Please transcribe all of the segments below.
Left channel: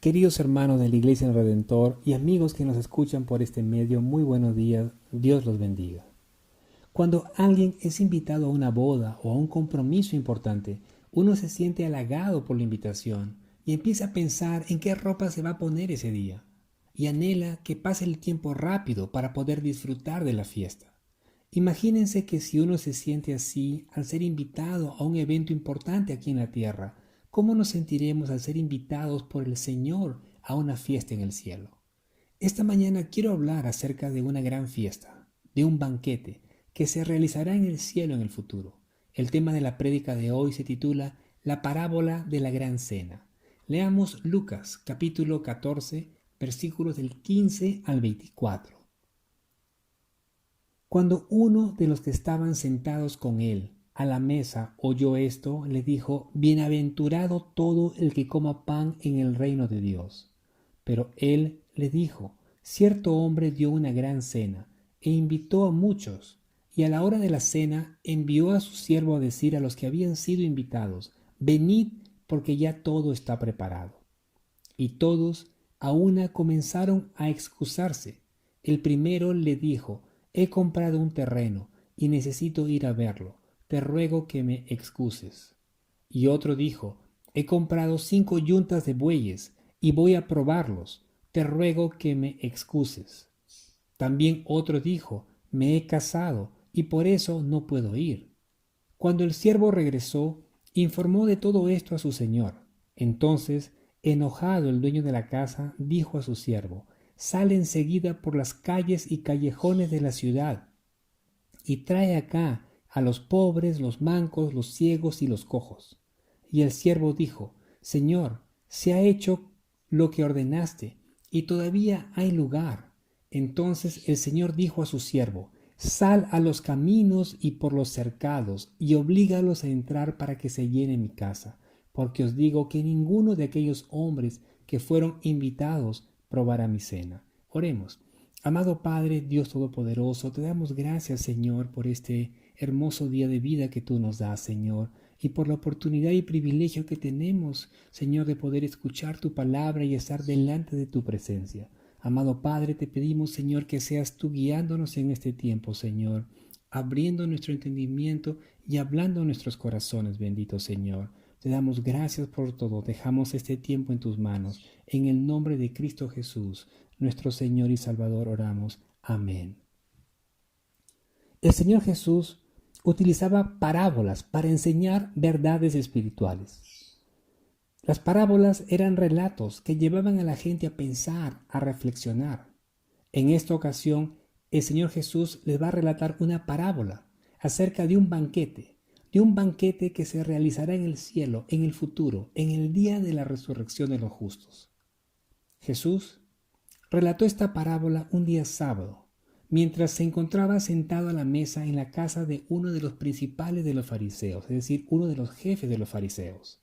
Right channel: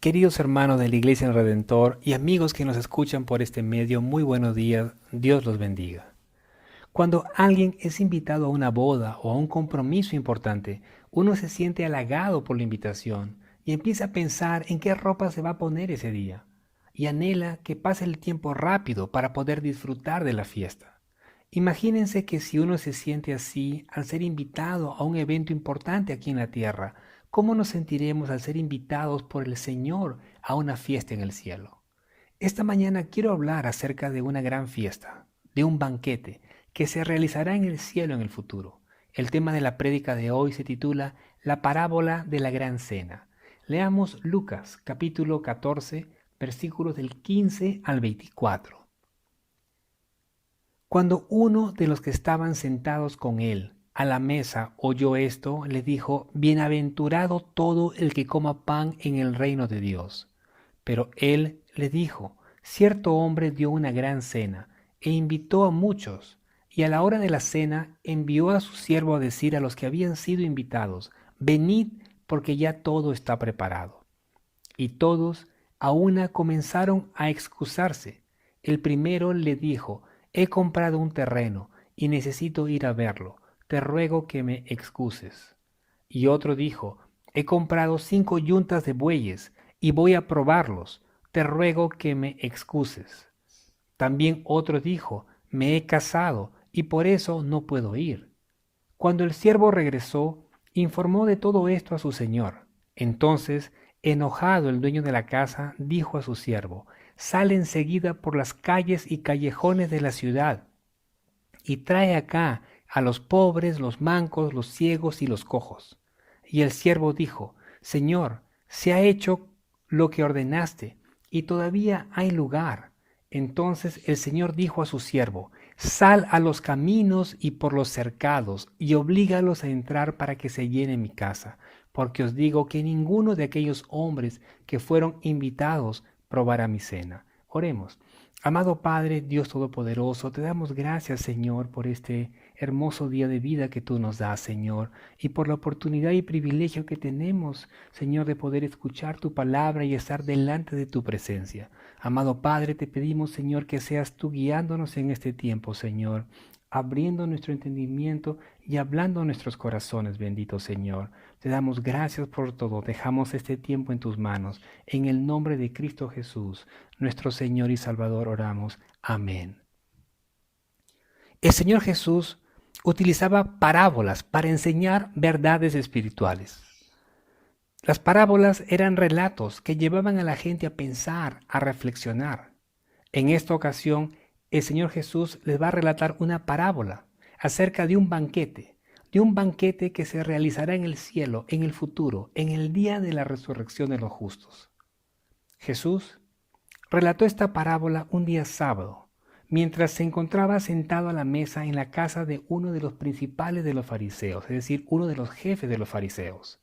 Queridos hermanos de la Iglesia del Redentor y amigos que nos escuchan por este medio, muy buenos días, Dios los bendiga. Cuando alguien es invitado a una boda o a un compromiso importante, uno se siente halagado por la invitación y empieza a pensar en qué ropa se va a poner ese día y anhela que pase el tiempo rápido para poder disfrutar de la fiesta. Imagínense que si uno se siente así al ser invitado a un evento importante aquí en la tierra, ¿cómo nos sentiremos al ser invitados por el Señor a una fiesta en el cielo? Esta mañana quiero hablar acerca de una gran fiesta, de un banquete que se realizará en el cielo en el futuro. El tema de la prédica de hoy se titula La parábola de la gran cena. Leamos Lucas capítulo 14, versículos del 15 al 24. Cuando uno de los que estaban sentados con él a la mesa oyó esto, le dijo: Bienaventurado todo el que coma pan en el reino de Dios. Pero él le dijo: Cierto hombre dio una gran cena e invitó a muchos, y a la hora de la cena envió a su siervo a decir a los que habían sido invitados: Venid, porque ya todo está preparado. Y todos a una comenzaron a excusarse. El primero le dijo: He comprado un terreno y necesito ir a verlo. Te ruego que me excuses. Y otro dijo: He comprado 5 yuntas de bueyes y voy a probarlos. Te ruego que me excuses. También otro dijo: Me he casado y por eso no puedo ir. Cuando el siervo regresó, informó de todo esto a su señor. Entonces, enojado, el dueño de la casa dijo a su siervo: Sale enseguida por las calles y callejones de la ciudad y trae acá a los pobres, los mancos, los ciegos y los cojos. Y el siervo dijo: Señor, se ha hecho lo que ordenaste y todavía hay lugar. Entonces el Señor dijo a su siervo: Sal a los caminos y por los cercados y oblígalos a entrar para que se llene mi casa, porque os digo que ninguno de aquellos hombres que fueron invitados probará mi cena. Oremos. Amado Padre, Dios Todopoderoso, te damos gracias, Señor, por este hermoso día de vida que tú nos das, Señor, y por la oportunidad y privilegio que tenemos, Señor, de poder escuchar tu palabra y estar delante de tu presencia. Amado Padre, te pedimos, Señor, que seas tú guiándonos en este tiempo, Señor, abriendo nuestro entendimiento y hablando a nuestros corazones, bendito Señor. Te damos gracias por todo. Dejamos este tiempo en tus manos. En el nombre de Cristo Jesús, nuestro Señor y Salvador, oramos. Amén. El Señor Jesús utilizaba parábolas para enseñar verdades espirituales. Las parábolas eran relatos que llevaban a la gente a pensar, a reflexionar. En esta ocasión, el Señor Jesús les va a relatar una parábola acerca de un banquete que se realizará en el cielo, en el futuro, en el día de la resurrección de los justos. Jesús relató esta parábola un día sábado, mientras se encontraba sentado a la mesa en la casa de uno de los principales de los fariseos, es decir, uno de los jefes de los fariseos.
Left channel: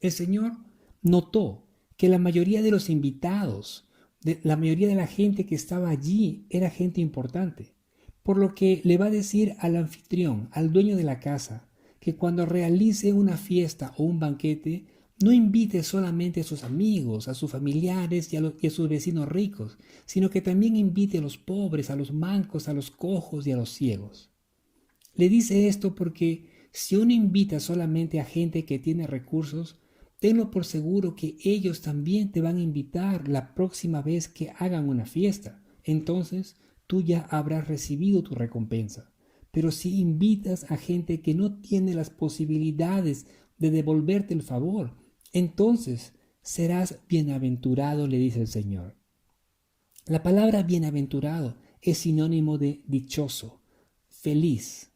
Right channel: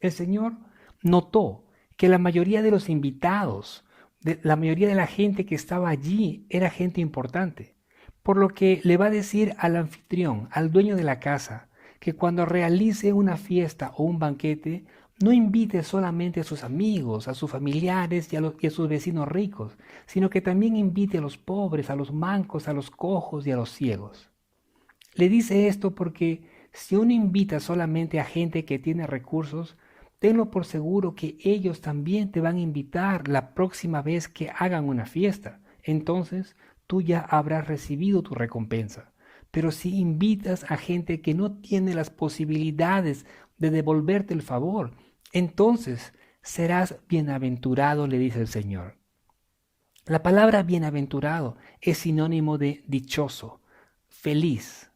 El Señor notó que la mayoría de los invitados, la mayoría de la gente que estaba allí era gente importante, por lo que le va a decir al anfitrión, al dueño de la casa, que cuando realice una fiesta o un banquete, no invite solamente a sus amigos, a sus familiares y a sus vecinos ricos, sino que también invite a los pobres, a los mancos, a los cojos y a los ciegos. Le dice esto porque si uno invita solamente a gente que tiene recursos, tenlo por seguro que ellos también te van a invitar la próxima vez que hagan una fiesta. Entonces tú ya habrás recibido tu recompensa. Pero si invitas a gente que no tiene las posibilidades de devolverte el favor, entonces serás bienaventurado, le dice el Señor. La palabra bienaventurado es sinónimo de dichoso, feliz.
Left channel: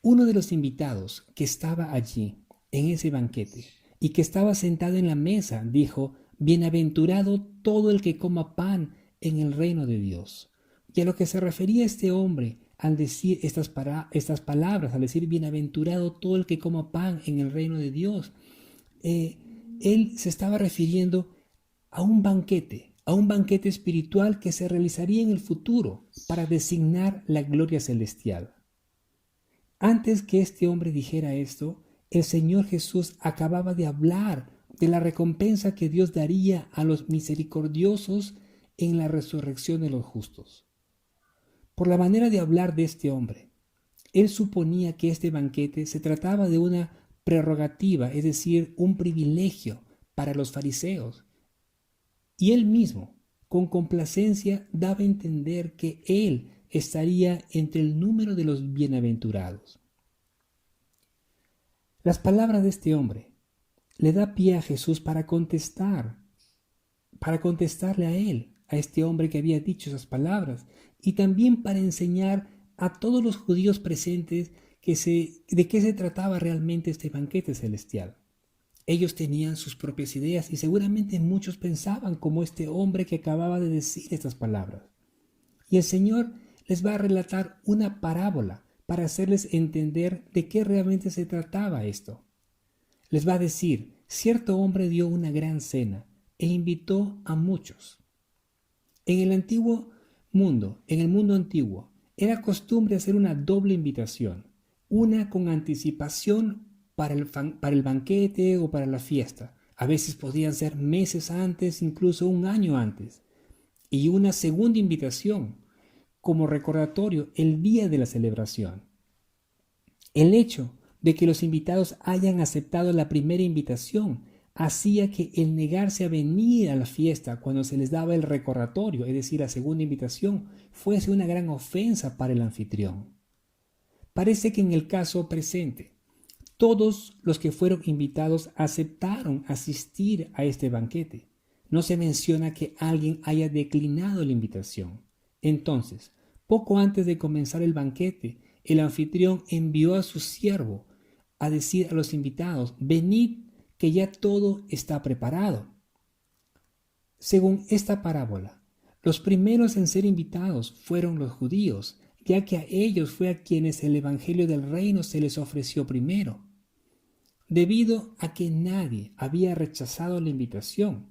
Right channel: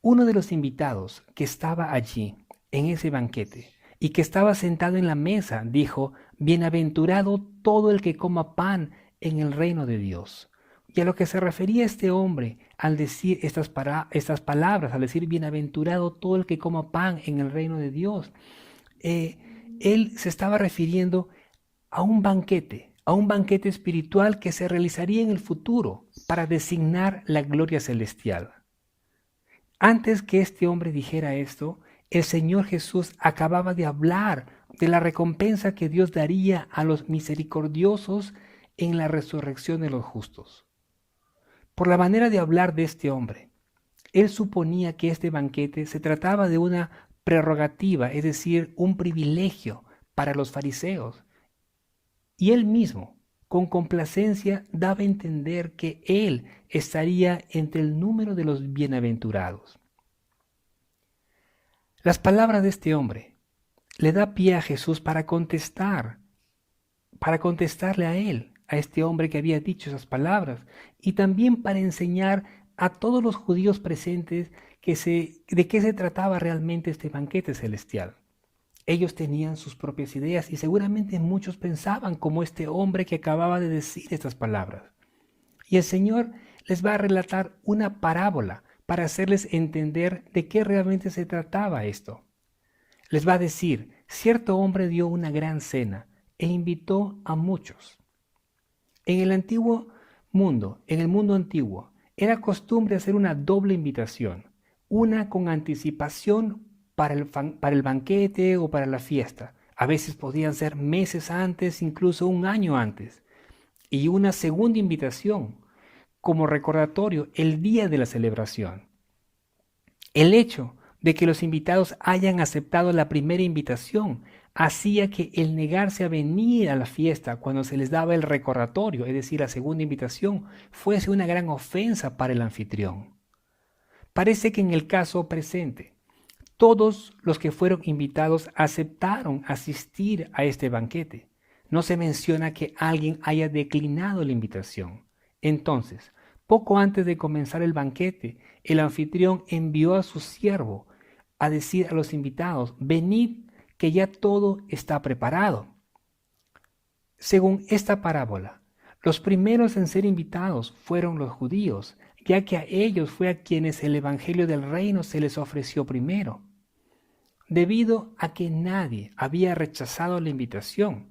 Uno de los invitados que estaba allí en ese banquete y que estaba sentado en la mesa dijo: Bienaventurado todo el que coma pan en el reino de Dios. Y a lo que se refería este hombre al decir estas palabras, al decir bienaventurado todo el que coma pan en el reino de Dios, él se estaba refiriendo a un banquete espiritual que se realizaría en el futuro para designar la gloria celestial. Antes que este hombre dijera esto, el Señor Jesús acababa de hablar de la recompensa que Dios daría a los misericordiosos en la resurrección de los justos. Por la manera de hablar de este hombre, él suponía que este banquete se trataba de una prerrogativa, es decir, un privilegio para los fariseos. Y él mismo, con complacencia, daba a entender que él estaría entre el número de los bienaventurados. Las palabras de este hombre le da pie a Jesús para contestarle a él, a este hombre que había dicho esas palabras, y también para enseñar a todos los judíos presentes de qué se trataba realmente este banquete celestial. Ellos tenían sus propias ideas y seguramente muchos pensaban como este hombre que acababa de decir estas palabras. Y el Señor les va a relatar una parábola para hacerles entender de qué realmente se trataba esto. Les va a decir, cierto hombre dio una gran cena e invitó a muchos. En el mundo antiguo, era costumbre hacer una doble invitación, una con anticipación para el banquete o para la fiesta. A veces podían ser meses antes, incluso un año antes. Y una segunda invitación, como recordatorio, el día de la celebración. El hecho de que los invitados hayan aceptado la primera invitación hacía que el negarse a venir a la fiesta cuando se les daba el recordatorio, es decir, la segunda invitación, fuese una gran ofensa para el anfitrión. Parece que en el caso presente, todos los que fueron invitados aceptaron asistir a este banquete. No se menciona que alguien haya declinado la invitación. Entonces, poco antes de comenzar el banquete, el anfitrión envió a su siervo a decir a los invitados, venid, que ya todo está preparado. Según esta parábola, los primeros en ser invitados fueron los judíos, ya que a ellos fue a quienes el evangelio del reino se les ofreció primero. Debido a que nadie había rechazado la invitación,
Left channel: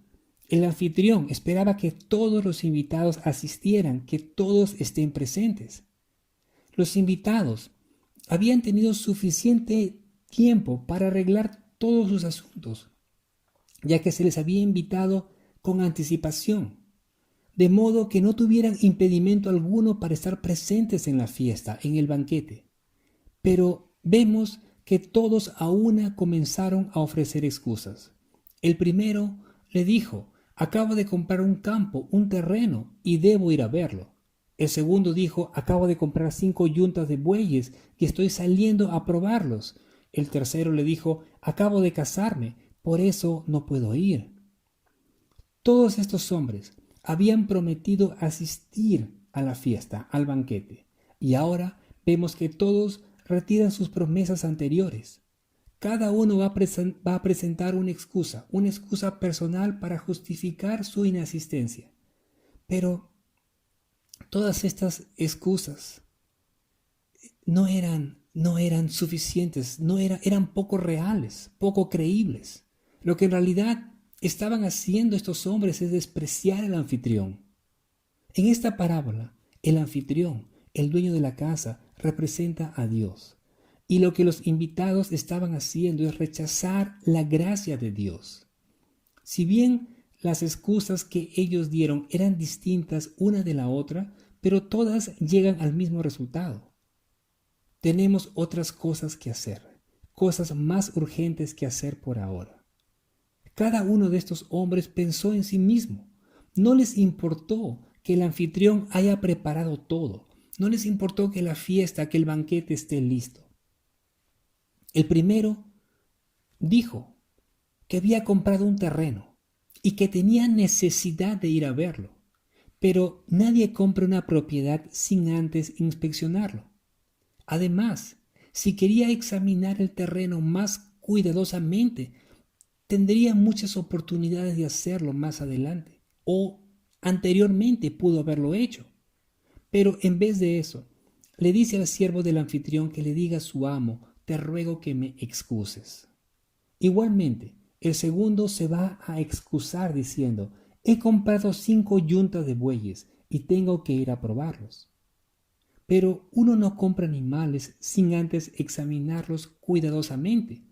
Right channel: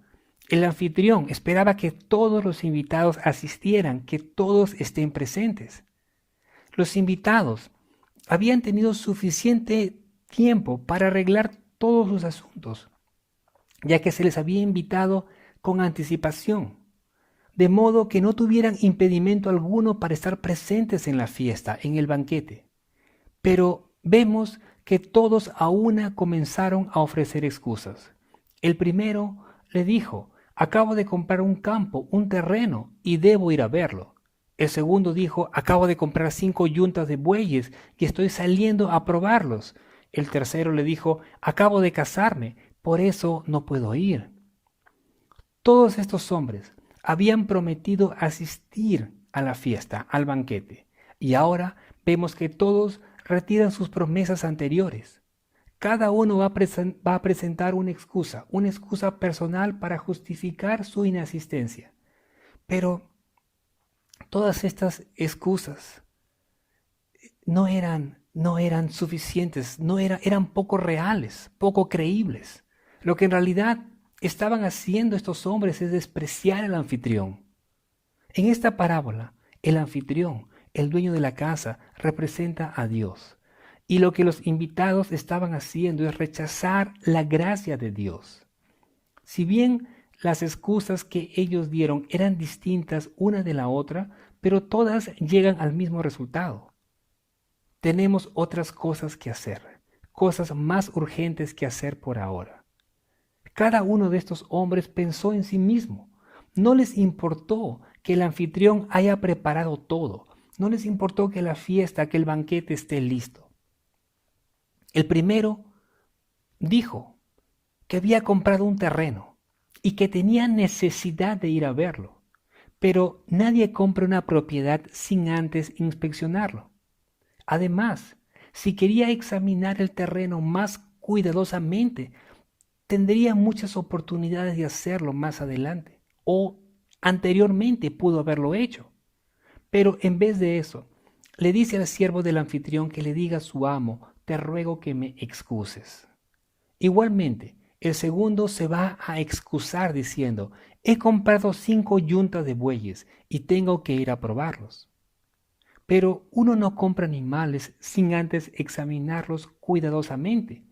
el anfitrión esperaba que todos los invitados asistieran, que todos estén presentes. Los invitados habían tenido suficiente tiempo para arreglar todos sus asuntos, ya que se les había invitado con anticipación, de modo que no tuvieran impedimento alguno para estar presentes en la fiesta, en el banquete. Pero vemos que todos a una comenzaron a ofrecer excusas. El primero le dijo, acabo de comprar un campo, un terreno, y debo ir a verlo. El segundo dijo, acabo de comprar 5 yuntas de bueyes y estoy saliendo a probarlos. El tercero le dijo, acabo de casarme, por eso no puedo ir. Todos estos hombres habían prometido asistir a la fiesta, al banquete, y ahora vemos que todos retiran sus promesas anteriores. Cada uno va a presentar una excusa personal para justificar su inasistencia. Pero todas estas excusas no eran suficientes, eran poco reales, poco creíbles. Lo que en realidad estaban haciendo estos hombres es despreciar al anfitrión. En esta parábola, el anfitrión, el dueño de la casa, representa a Dios. Y lo que los invitados estaban haciendo es rechazar la gracia de Dios. Si bien las excusas que ellos dieron eran distintas una de la otra, pero todas llegan al mismo resultado. Tenemos otras cosas que hacer, cosas más urgentes que hacer por ahora. Cada uno de estos hombres pensó en sí mismo. No les importó que el anfitrión haya preparado todo. No les importó que la fiesta, que el banquete esté listo. El primero dijo que había comprado un terreno y que tenía necesidad de ir a verlo. Pero nadie compra una propiedad sin antes inspeccionarlo. Además, si quería examinar el terreno más cuidadosamente, tendría muchas oportunidades de hacerlo más adelante o anteriormente pudo haberlo hecho. Pero en vez de eso, le dice al siervo del anfitrión que le diga a su amo, te ruego que me excuses. Igualmente, el segundo se va a excusar diciendo, he comprado 5 yuntas de bueyes y tengo que ir a probarlos. Pero uno no compra animales sin antes examinarlos cuidadosamente.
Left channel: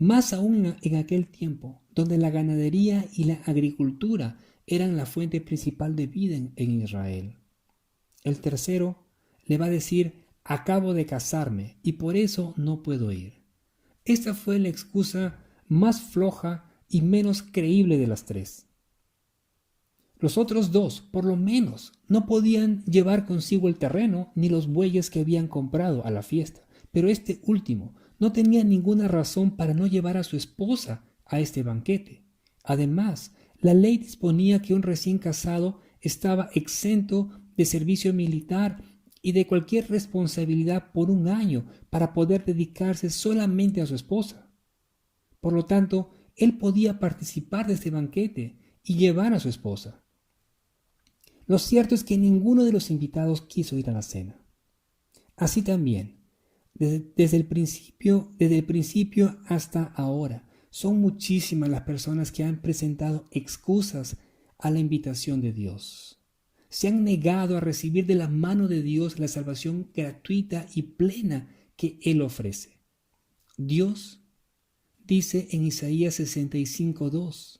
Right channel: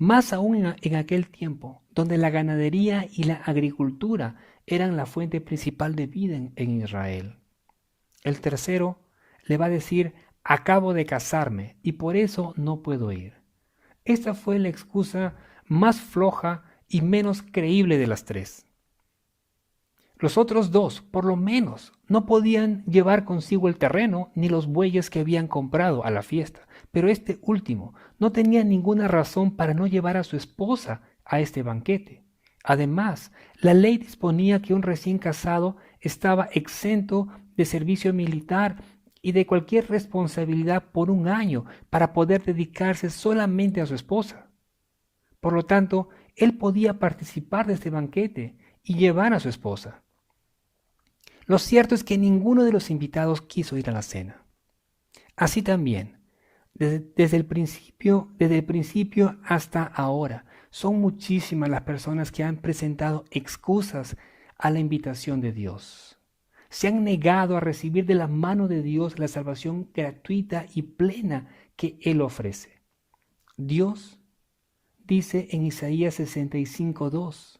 más aún en aquel tiempo, donde la ganadería y la agricultura eran la fuente principal de vida en Israel. El tercero le va a decir: acabo de casarme y por eso no puedo ir. Esta fue la excusa más floja y menos creíble de las tres. Los otros dos, por lo menos, no podían llevar consigo el terreno ni los bueyes que habían comprado a la fiesta, pero este último no tenía ninguna razón para no llevar a su esposa a este banquete. Además, la ley disponía que un recién casado estaba exento de servicio militar y de cualquier responsabilidad por un año para poder dedicarse solamente a su esposa. Por lo tanto, él podía participar de este banquete y llevar a su esposa. Lo cierto es que ninguno de los invitados quiso ir a la cena. Así también, desde el principio hasta ahora, son muchísimas las personas que han presentado excusas a la invitación de Dios. Se han negado a recibir de la mano de Dios la salvación gratuita y plena que Él ofrece. Dios dice en Isaías 65:2:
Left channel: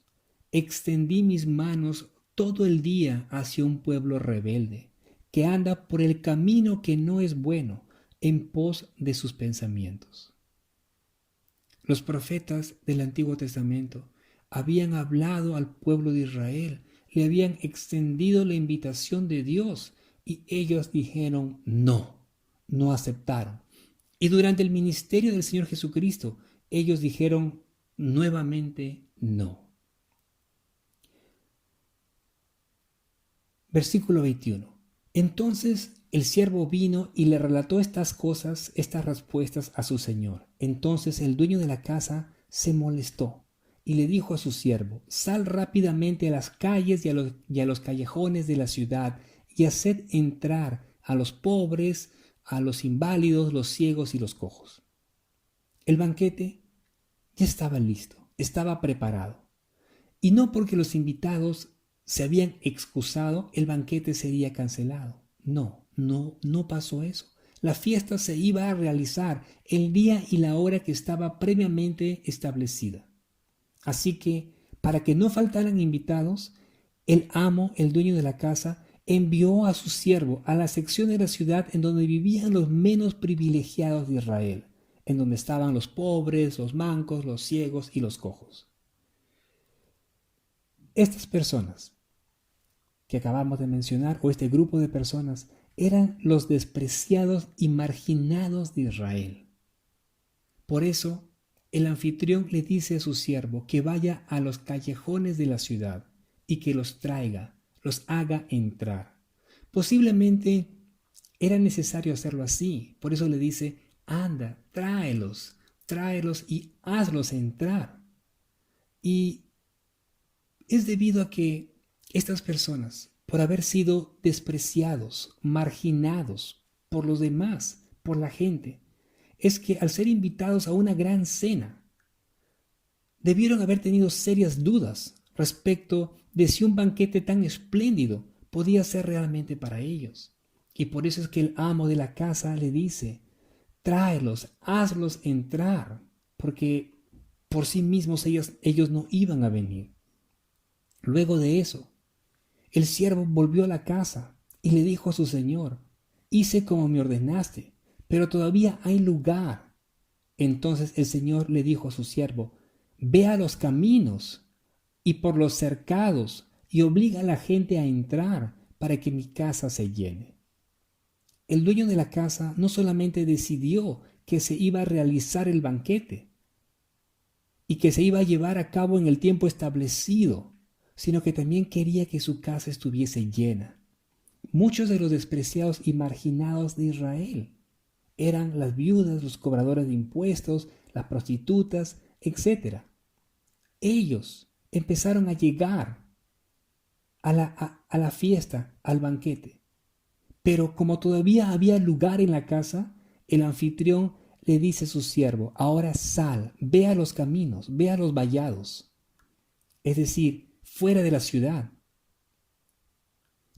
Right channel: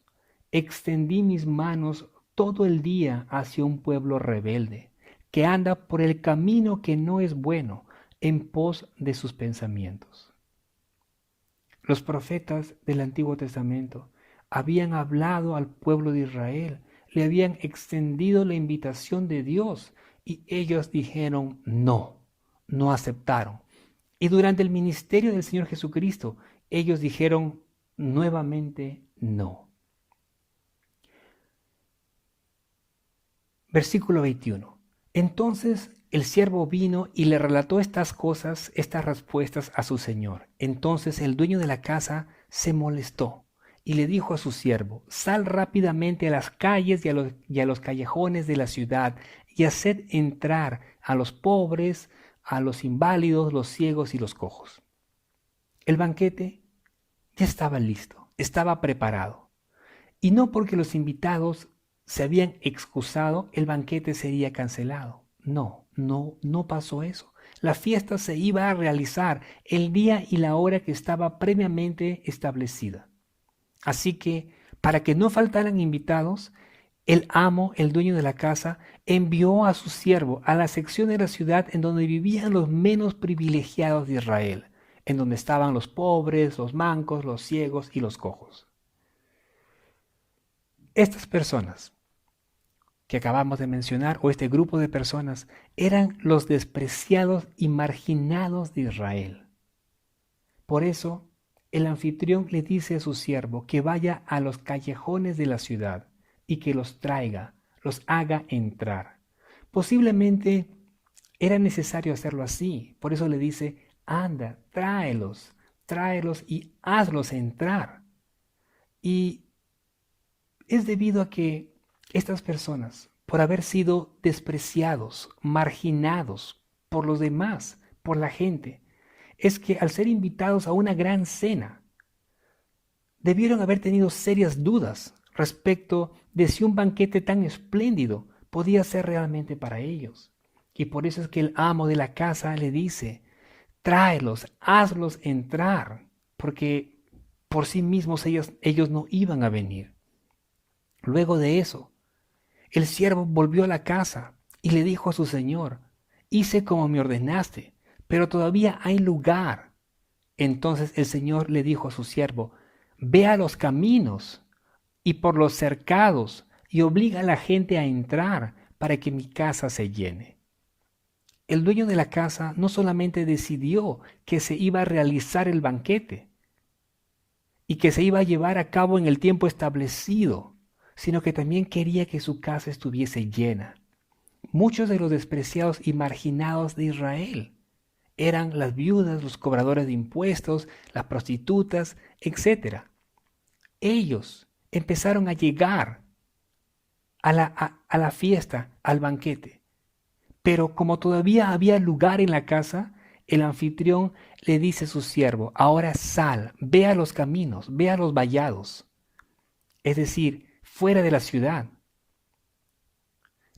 extendí mis manos todo el día hacia un pueblo rebelde, que anda por el camino que no es bueno, en pos de sus pensamientos. Los profetas del Antiguo Testamento habían hablado al pueblo de Israel, le habían extendido la invitación de Dios y ellos dijeron no, no aceptaron. Y durante el ministerio del Señor Jesucristo, ellos dijeron nuevamente no. Versículo 21. Entonces el siervo vino y le relató estas cosas, estas respuestas a su señor. Entonces el dueño de la casa se molestó y le dijo a su siervo: sal rápidamente a las calles y a los callejones de la ciudad y haced entrar a los pobres, a los inválidos, los ciegos y los cojos. El banquete ya estaba listo, estaba preparado. Y no porque los invitados se habían excusado, el banquete sería cancelado. No pasó eso. La fiesta se iba a realizar el día y la hora que estaba previamente establecida. Así que, para que no faltaran invitados, el amo, el dueño de la casa, envió a su siervo a la sección de la ciudad en donde vivían los menos privilegiados de Israel, en donde estaban los pobres, los mancos, los ciegos y los cojos. Estas personas que acabamos de mencionar, o este grupo de personas, eran los despreciados y marginados de Israel. Por eso, el anfitrión le dice a su siervo que vaya a los callejones de la ciudad y que los traiga, los haga entrar. Posiblemente era necesario hacerlo así, por eso le dice: anda, tráelos y hazlos entrar. Y es debido a que estas personas, por haber sido despreciados, marginados por los demás, por la gente, es que al ser invitados a una gran cena, debieron haber tenido serias dudas respecto de si un banquete tan espléndido podía ser realmente para ellos. Y por eso es que el amo de la casa le dice: tráelos, hazlos entrar, porque por sí mismos ellos no iban a venir. Luego de eso, el siervo volvió a la casa y le dijo a su señor: hice como me ordenaste, pero todavía hay lugar. Entonces el señor le dijo a su siervo: ve a los caminos y por los cercados y obliga a la gente a entrar para que mi casa se llene. El dueño de la casa no solamente decidió que se iba a realizar el banquete y que se iba a llevar a cabo en el tiempo establecido, sino que también quería que su casa estuviese llena. Muchos de los despreciados y marginados de Israel eran las viudas, los cobradores de impuestos, las prostitutas, etc. Ellos empezaron a llegar a la fiesta, al banquete. Pero como todavía había lugar en la casa, el anfitrión le dice a su siervo: ahora sal, ve a los caminos, ve a los vallados. Es decir, fuera de la ciudad.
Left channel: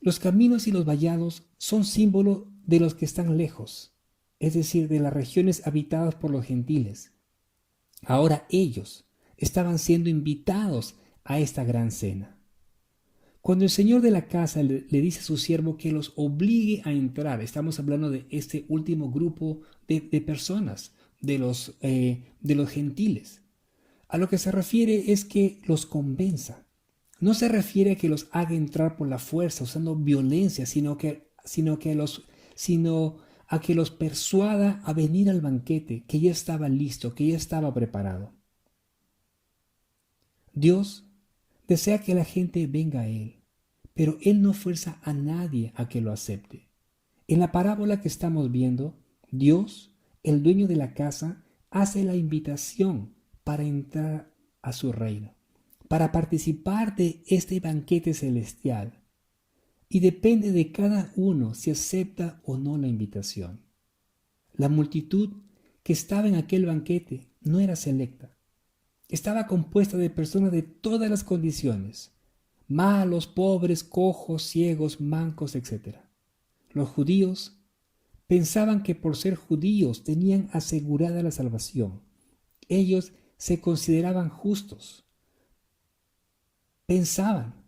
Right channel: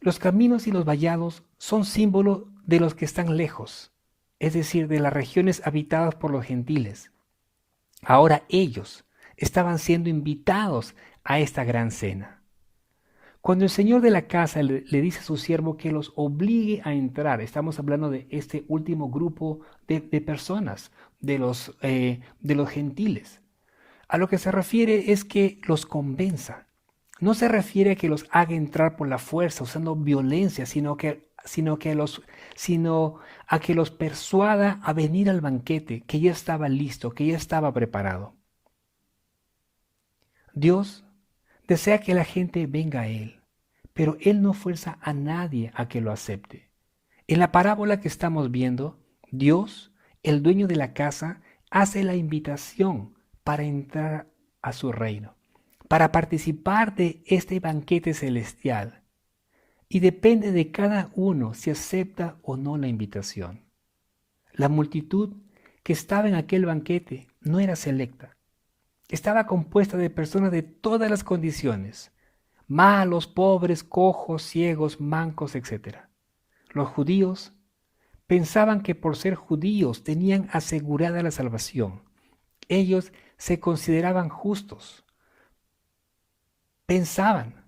Los caminos y los vallados son símbolos de los que están lejos, es decir, de las regiones habitadas por los gentiles. Ahora ellos estaban siendo invitados a esta gran cena. Cuando el señor de la casa le dice a su siervo que los obligue a entrar, estamos hablando de este último grupo de personas, de los gentiles. A lo que se refiere es que los convenza. No se refiere a que los haga entrar por la fuerza usando violencia, sino a que los persuada a venir al banquete que ya estaba listo, que ya estaba preparado. Dios desea que la gente venga a Él, pero Él no fuerza a nadie a que lo acepte. En la parábola que estamos viendo, Dios, el dueño de la casa, hace la invitación para entrar a su reino, para participar de este banquete celestial. Y depende de cada uno si acepta o no la invitación. La multitud que estaba en aquel banquete no era selecta. Estaba compuesta de personas de todas las condiciones, malos, pobres, cojos, ciegos, mancos, etc. Los judíos pensaban que por ser judíos tenían asegurada la salvación. Ellos se consideraban justos. Pensaban,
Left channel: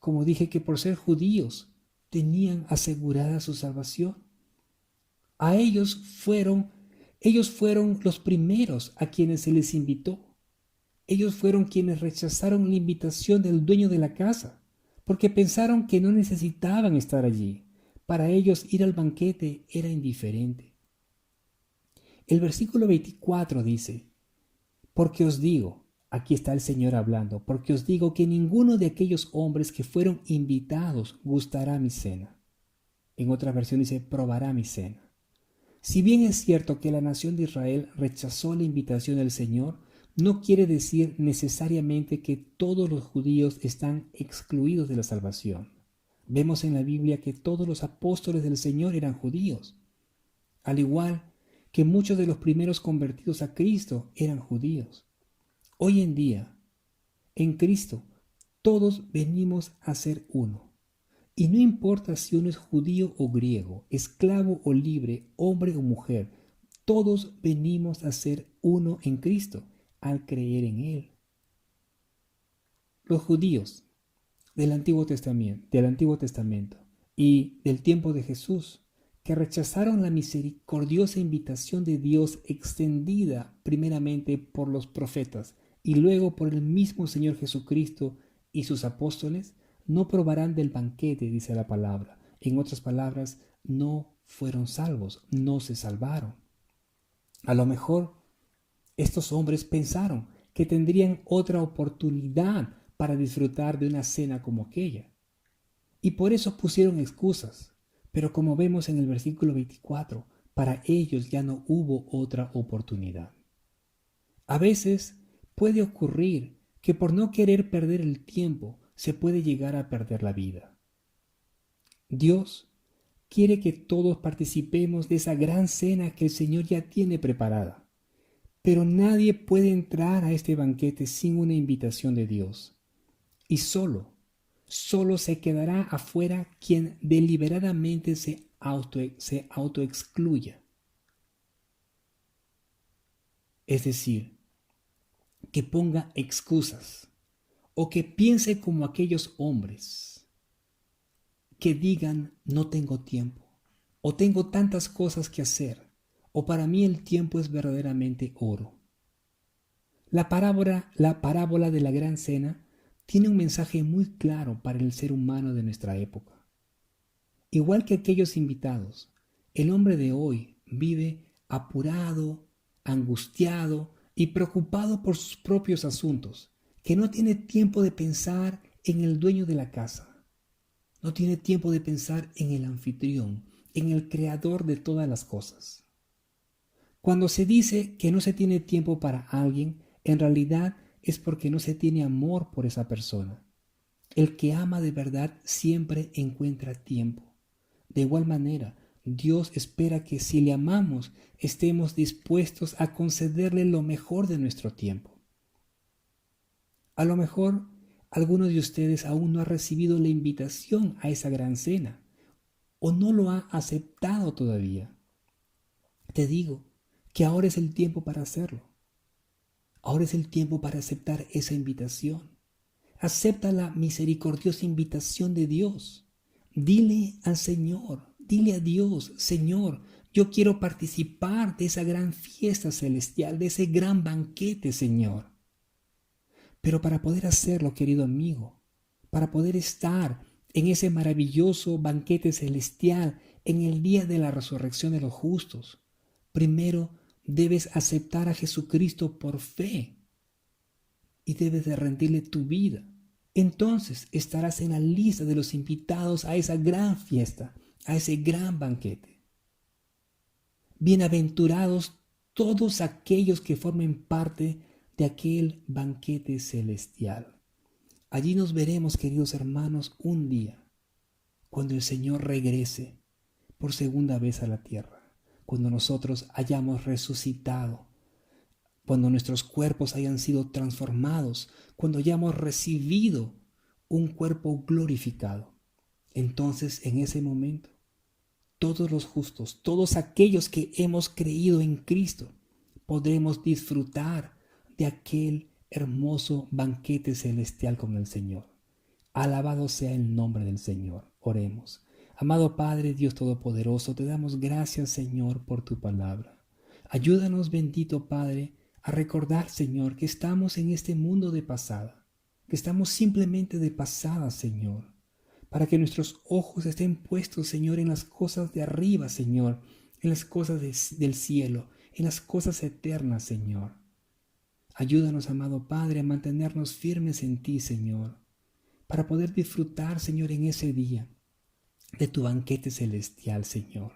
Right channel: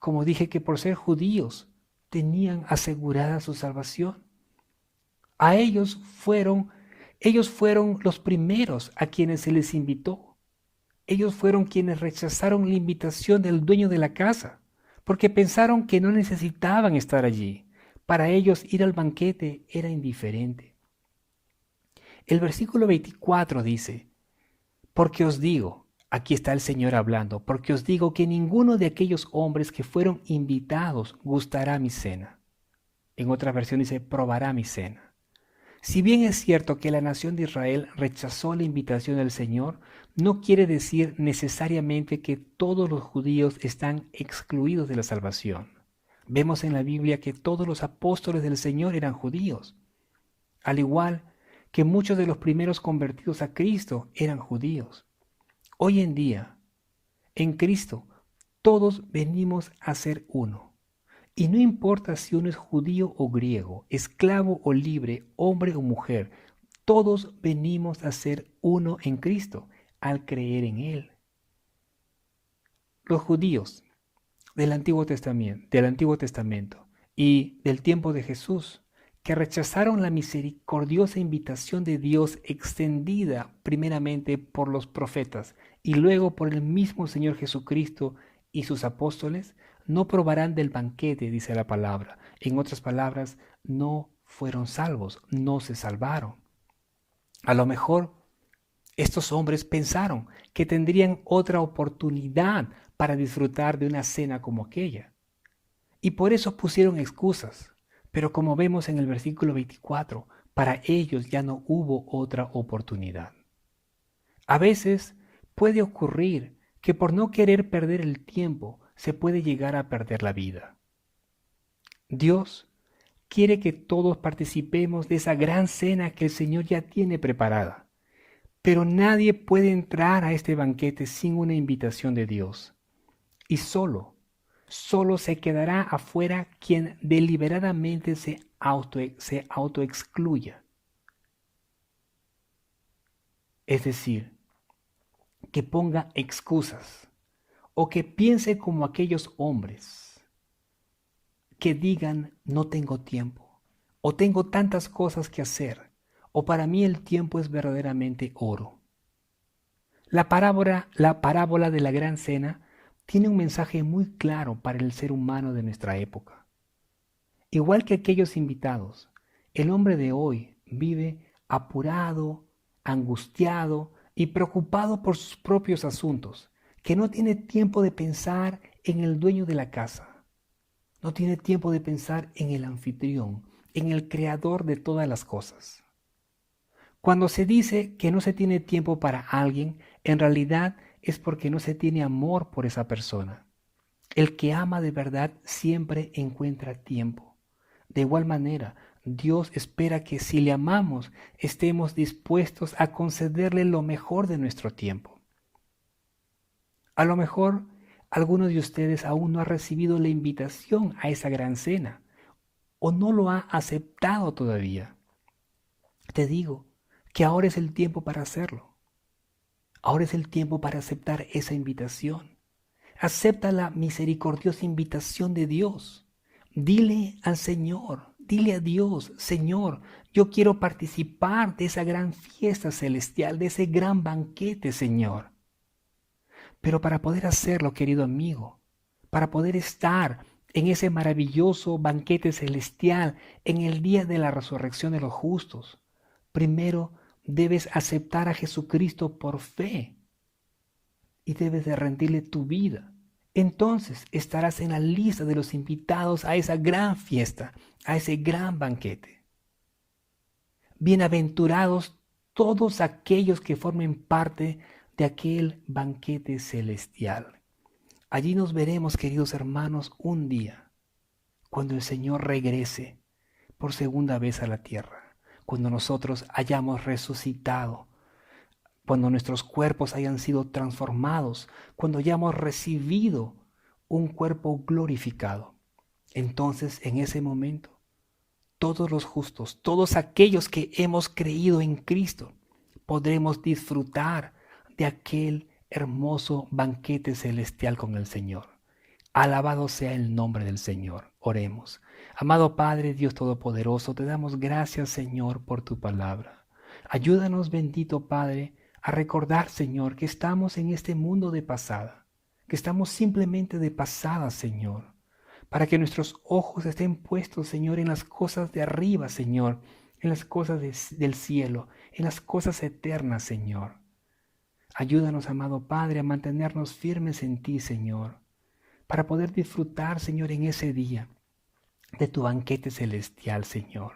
como dije, que por ser judíos tenían asegurada su salvación. Ellos fueron los primeros a quienes se les invitó. Ellos fueron quienes rechazaron la invitación del dueño de la casa, porque pensaron que no necesitaban estar allí. Para ellos ir al banquete era indiferente. El versículo 24 dice, porque os digo, aquí está el Señor hablando, porque os digo que ninguno de aquellos hombres que fueron invitados gustará mi cena. En otra versión dice, probará mi cena. Si bien es cierto que la nación de Israel rechazó la invitación del Señor, no quiere decir necesariamente que todos los judíos están excluidos de la salvación. Vemos en la Biblia que todos los apóstoles del Señor eran judíos, al igual que muchos de los primeros convertidos a Cristo eran judíos. Hoy en día, en Cristo, todos venimos a ser uno. Y no importa si uno es judío o griego, esclavo o libre, hombre o mujer, todos venimos a ser uno en Cristo al creer en Él. Los judíos del Antiguo Testamento y del tiempo de Jesús, que rechazaron la misericordiosa invitación de Dios extendida primeramente por los profetas y luego por el mismo Señor Jesucristo y sus apóstoles, no probarán del banquete, dice la palabra. En otras palabras, no fueron salvos, no se salvaron. A lo mejor estos hombres pensaron que tendrían otra oportunidad para disfrutar de una cena como aquella. Y por eso pusieron excusas. Pero como vemos en el versículo 24, para ellos ya no hubo otra oportunidad. A veces puede ocurrir que por no querer perder el tiempo se puede llegar a perder la vida. Dios quiere que todos participemos de esa gran cena que el Señor ya tiene preparada. Pero nadie puede entrar a este banquete sin una invitación de Dios. Y solo se quedará afuera quien deliberadamente se autoexcluya. Es decir, que ponga excusas o que piense como aquellos hombres que digan no tengo tiempo o tengo tantas cosas que hacer o para mí el tiempo es verdaderamente oro. La parábola de la gran cena tiene un mensaje muy claro para el ser humano de nuestra época. Igual que aquellos invitados, el hombre de hoy vive apurado, angustiado y preocupado por sus propios asuntos, que no tiene tiempo de pensar en el dueño de la casa, no tiene tiempo de pensar en el anfitrión, en el creador de todas las cosas. Cuando se dice que no se tiene tiempo para alguien, en realidad es porque no se tiene amor por esa persona. El que ama de verdad siempre encuentra tiempo. De igual manera, Dios espera que si le amamos, estemos dispuestos a concederle lo mejor de nuestro tiempo. A lo mejor, alguno de ustedes aún no ha recibido la invitación a esa gran cena o no lo ha aceptado todavía. Te digo que ahora es el tiempo para hacerlo. Ahora es el tiempo para aceptar esa invitación. Acepta la misericordiosa invitación de Dios. Dile al Señor, dile a Dios, Señor, yo quiero participar de esa gran fiesta celestial, de ese gran banquete, Señor. Pero para poder hacerlo, querido amigo, para poder estar en ese maravilloso banquete celestial en el día de la resurrección de los justos, primero debes aceptar a Jesucristo por fe y debes de rendirle tu vida. Entonces estarás en la lista de los invitados a esa gran fiesta, a ese gran banquete. Bienaventurados todos aquellos que formen parte de aquel banquete celestial. Allí nos veremos, queridos hermanos, un día, cuando el Señor regrese por segunda vez a la tierra, cuando nosotros hayamos resucitado, cuando nuestros cuerpos hayan sido transformados, cuando hayamos recibido un cuerpo glorificado. Entonces, en ese momento, todos los justos, todos aquellos que hemos creído en Cristo, podremos disfrutar de aquel hermoso banquete celestial con el Señor. Alabado sea el nombre del Señor. Oremos. Amado Padre, Dios Todopoderoso, te damos gracias, Señor, por tu palabra. Ayúdanos, bendito Padre, a recordar, Señor, que estamos en este mundo de pasada, que estamos simplemente de pasada, Señor, para que nuestros ojos estén puestos, Señor, en las cosas de arriba, Señor, en las cosas del cielo, en las cosas eternas, Señor. Ayúdanos, amado Padre, a mantenernos firmes en ti, Señor, para poder disfrutar, Señor, en ese día de tu banquete celestial, Señor.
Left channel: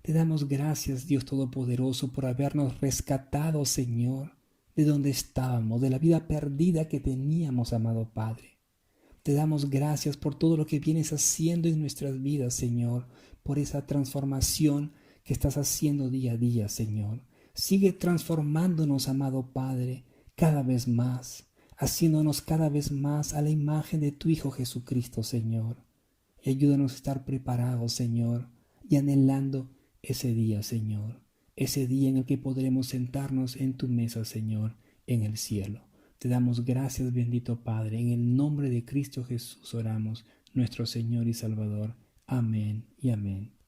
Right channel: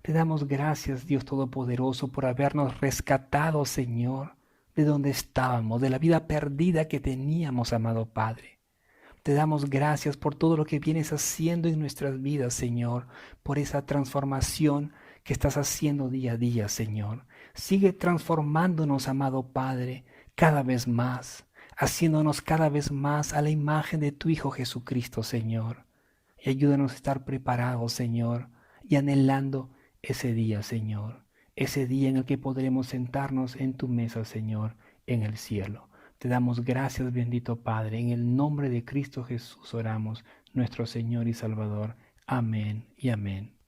Te damos gracias, Dios Todopoderoso, por habernos rescatado, Señor, de donde estábamos, de la vida perdida que teníamos, amado Padre. Te damos gracias por todo lo que vienes haciendo en nuestras vidas, Señor, por esa transformación que estás haciendo día a día, Señor. Sigue transformándonos, amado Padre, cada vez más, haciéndonos cada vez más a la imagen de tu Hijo Jesucristo, Señor. Y ayúdanos a estar preparados, Señor, y anhelando ese día, Señor, ese día en el que podremos sentarnos en tu mesa, Señor, en el cielo. Te damos gracias, bendito Padre. En el nombre de Cristo Jesús oramos, nuestro Señor y Salvador. Amén y amén.